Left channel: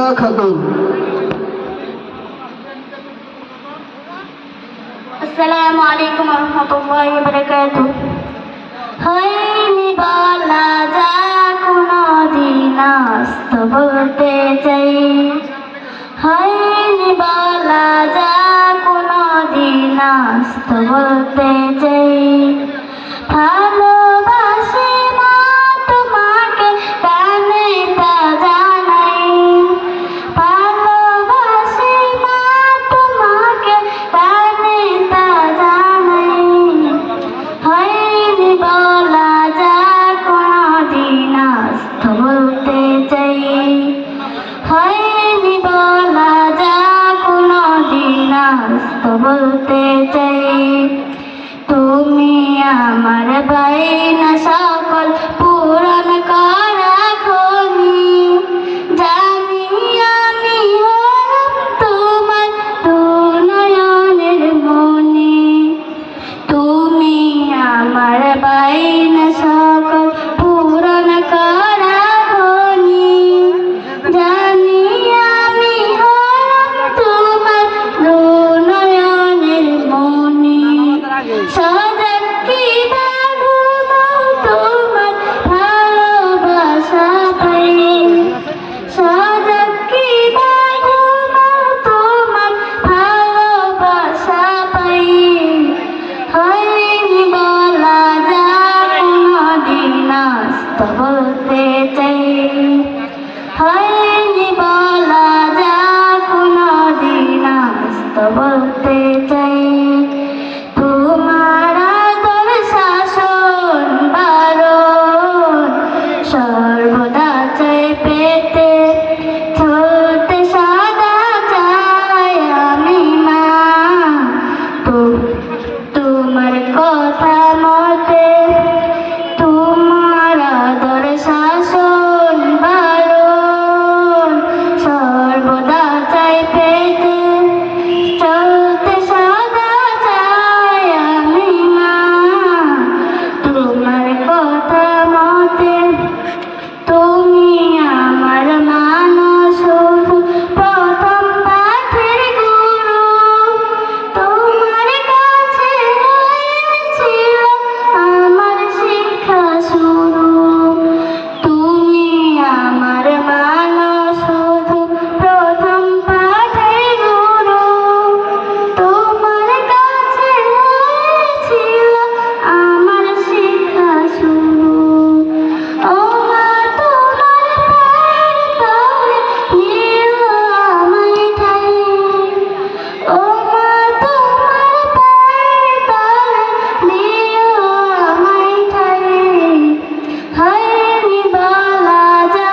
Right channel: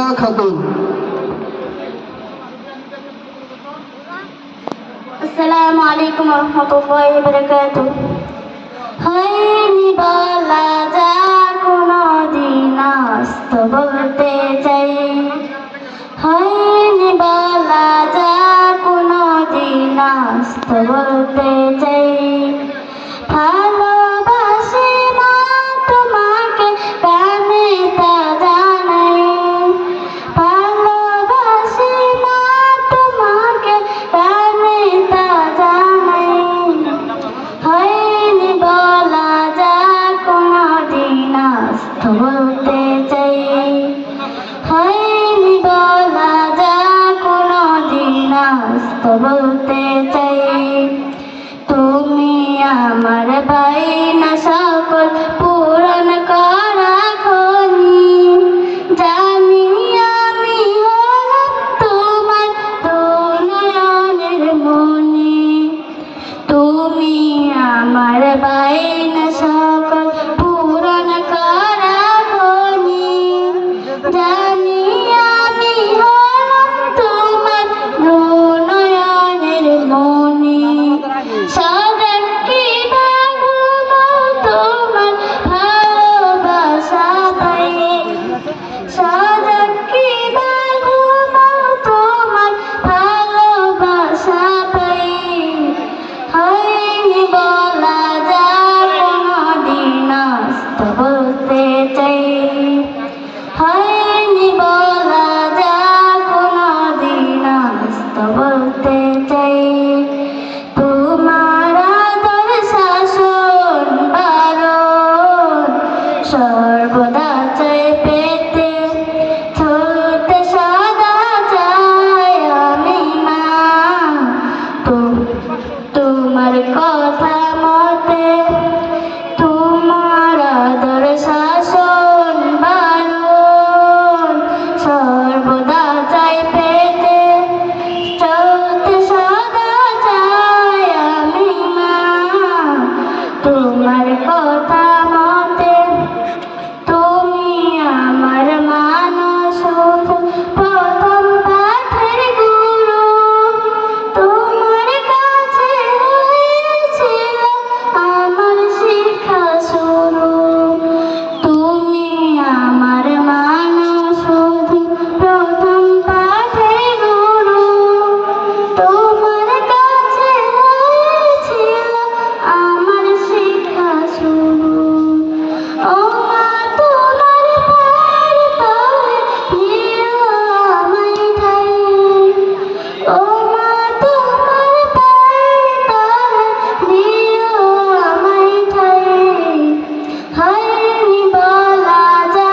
মুক্তা খাতুন। আসসালামু আলাইকুম ওয়া রাহমাতুল্লাহি ওয়া বারাকাতুহু। হয়নি বলা যা কোনদিন আজ তো বলতে চাই, হয়নি বলা যা কোনদিন আজ তো বলতে চাই। ভালোবাসি না তোমাকে কানে তা জানাই, ভালোবাসি না তোমাকে কানে তা জানাই। হয়নি বলা যা কোনদিন আজ তো বলতে চাই, হয়নি বলা যা কোনদিন আজ তো বলতে চাই। তুমি আমার বাইনা সকল পূরণ করা খনি, জানি আমি হলাম তোমার দু নয়নের মনি। তুমি আমার বাইনা সকল পূরণ করা খনি, জানি আমি হলাম তোমার দু নয়নের মনি। সাজাকি বাগুনাও তোমার ভালোবাসা পাই, সাজাকি বাগুনাও তোমার ভালোবাসা পাই। হয়নি বলা যা কোনদিন আজ তো বলতে চাই, হয়নি বলা যা কোনদিন আজ তো বলতে চাই। তোমার আদর শাসন বারণ সর্বদা চাই পেতে, চলতে সদা চাই আমি মা। তোমার কথা মতে, তোমার আদর শাসন বারণ সর্বদা চাই পেতে, চলতে সদা চাই আমি মা। তোমার কথা মতে তুমি আমার মানুষ শুধু প্রথম পাঠের গুরু, তোমার কাছে হয়েছিল আমার শিক্ষা শুরু। তুমি আমার মানুষ শুধু প্রথম পাঠের গুরু, তোমার কাছে হয়েছিল আমার শিক্ষা শুরু। ও মা তোমার পায়ের তলে দিও আমায় ঠাই, ও মা তোমার পায়ের তলে দিও আমায় ঠাই। হয়নি বলা যা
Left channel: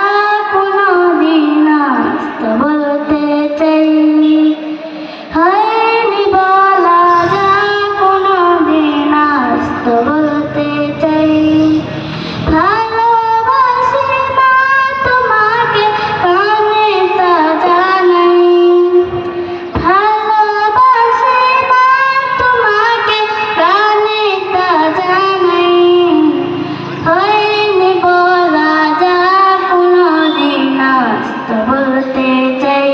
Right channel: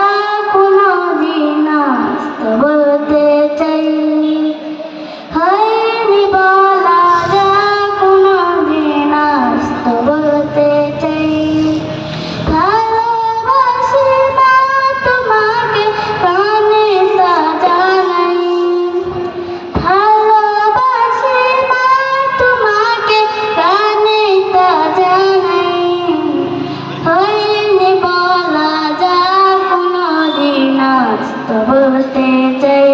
কোনদিন আজ তো বলতে চাই, হয়নি বলা যা কোনদিন আজ তো বলতে চাই। ভালোবাসি না তোমাকে কানে তা জানাই, ভালোবাসি না তোমাকে কানে তা জানাই। হয়নি বলা যা কোনদিন আজ তো বলতে চাই,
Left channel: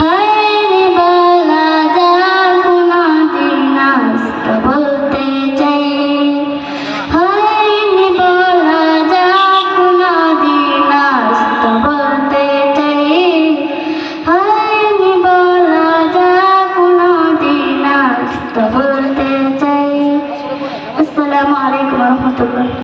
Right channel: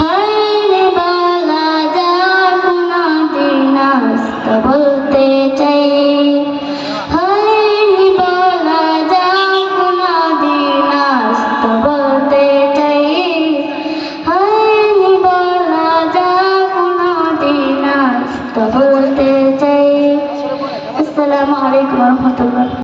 হয়নি বলা যা কোনদিন আজ তো বলতে চাই। হয়নি বলা যা কোনদিন আজ তো বলতে চাই, হয়নি বলা যা কোনদিন আজ তো বলতে চাই। আসসালামু আলাইকুম ওয়া রাহমাতুল্লাহ।